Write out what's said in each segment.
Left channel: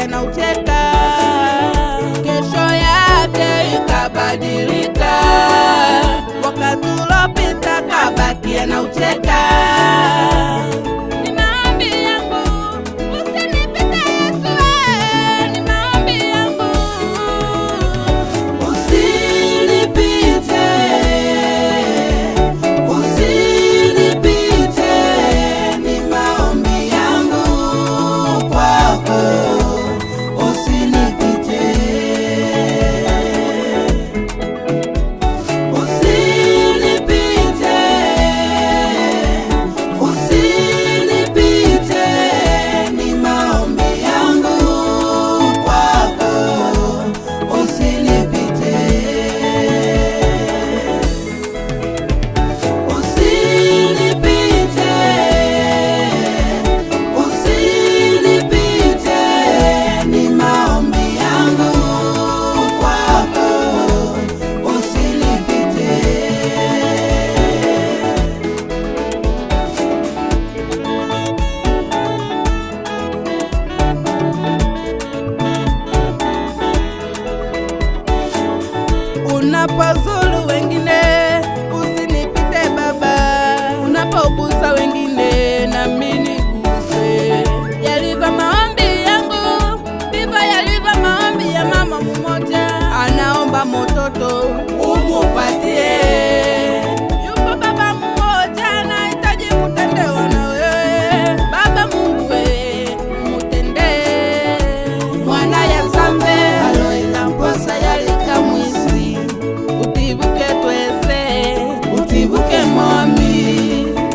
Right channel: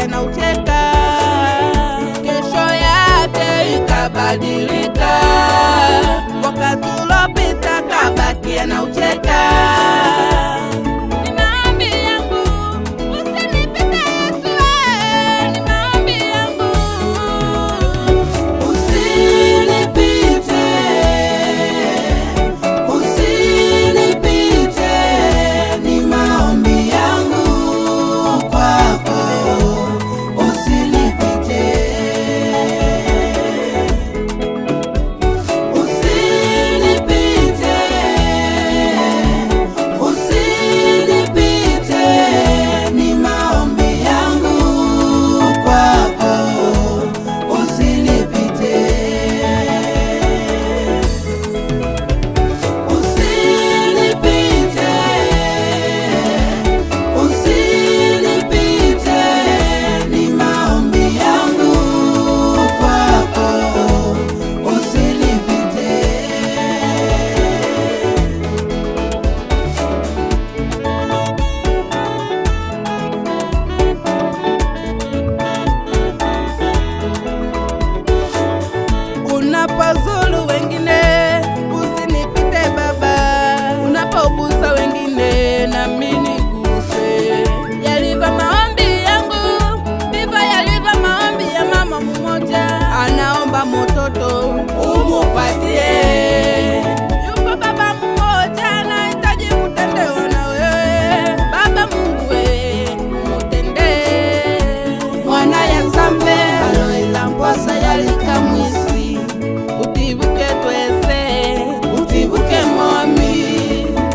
Anaucheka, kesho yake ikabadilika. Wakati uliopita kabaki anaucheka. Ni maombi yangu usinipite Yesu, ni maombi yangu usinipite, usinipite, ni maombi yangu kwako. Unapozulu wengine usinipite Baba, unapogusa wengine nami niguse. Yalivyo maombi yangu ndivyo yalivyo maombi ya mama mmoja, anaomba mtoto umupatie. Yuko baba mmoja anahitaji kutendewa na wewe. Baba Mungu wewe mutendee. Mwana ya zambe aloila mposa yalika mwisi, utibuke twese, utibuke mwami.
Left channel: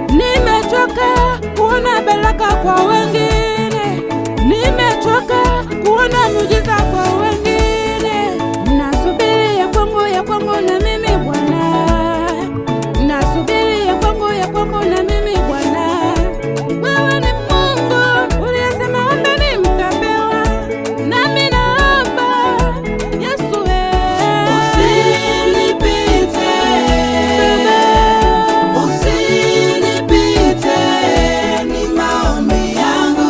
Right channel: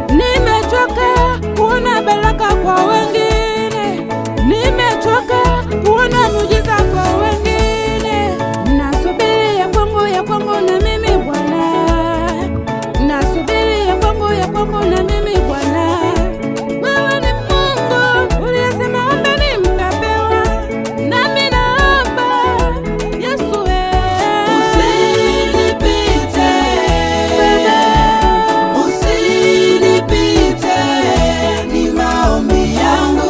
Nimechoka kuona baraka kwa wengine, nimechoka kuona muujiza kwa wengine. Nasubiri ya kwangu na mimi Bwana, nasubiri ya kwangu na mimi Bwana. Wewe ni Mungu uliyesema ombeni mtapewa, nami naomba Yesu usinipite Baba, usinipite, ni maombi yangu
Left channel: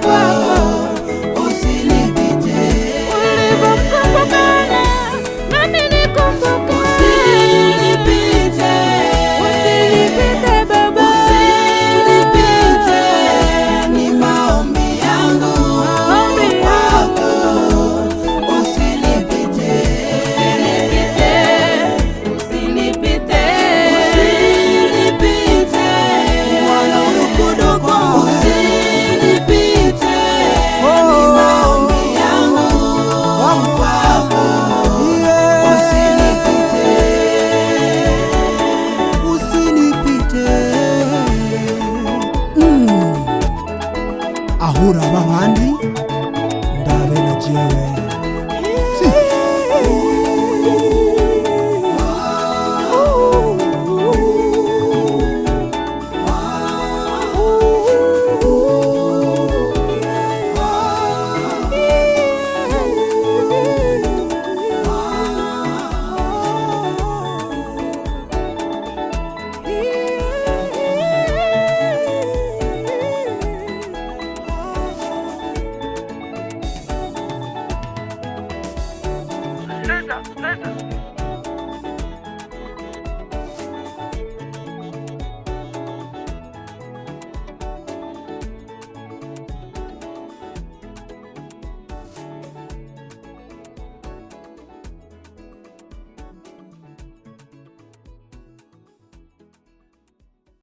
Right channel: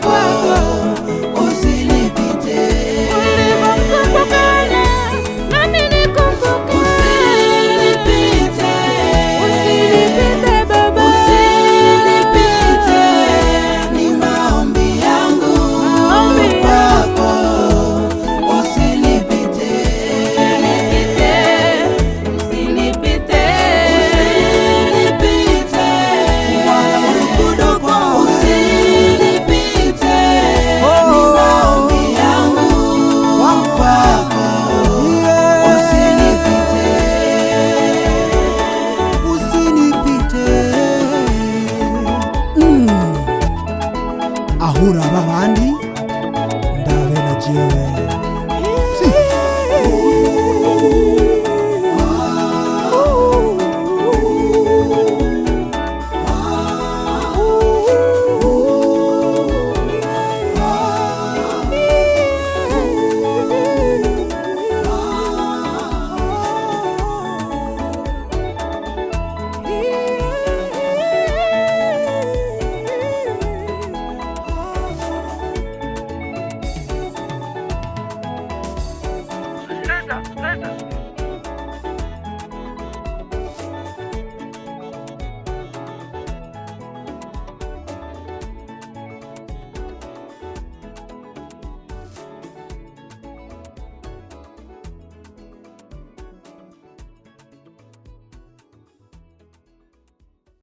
kwako. Usinipite ulivyomkumbuka nami nikumbuke. Usinipite Baba, ni maombi yangu kwako. Usinipite, usinipite, usinipite, mwana urukundo kwa usinipite, maombi yangu kwako. Usinipite ahura babandi ndabe na jewe leta.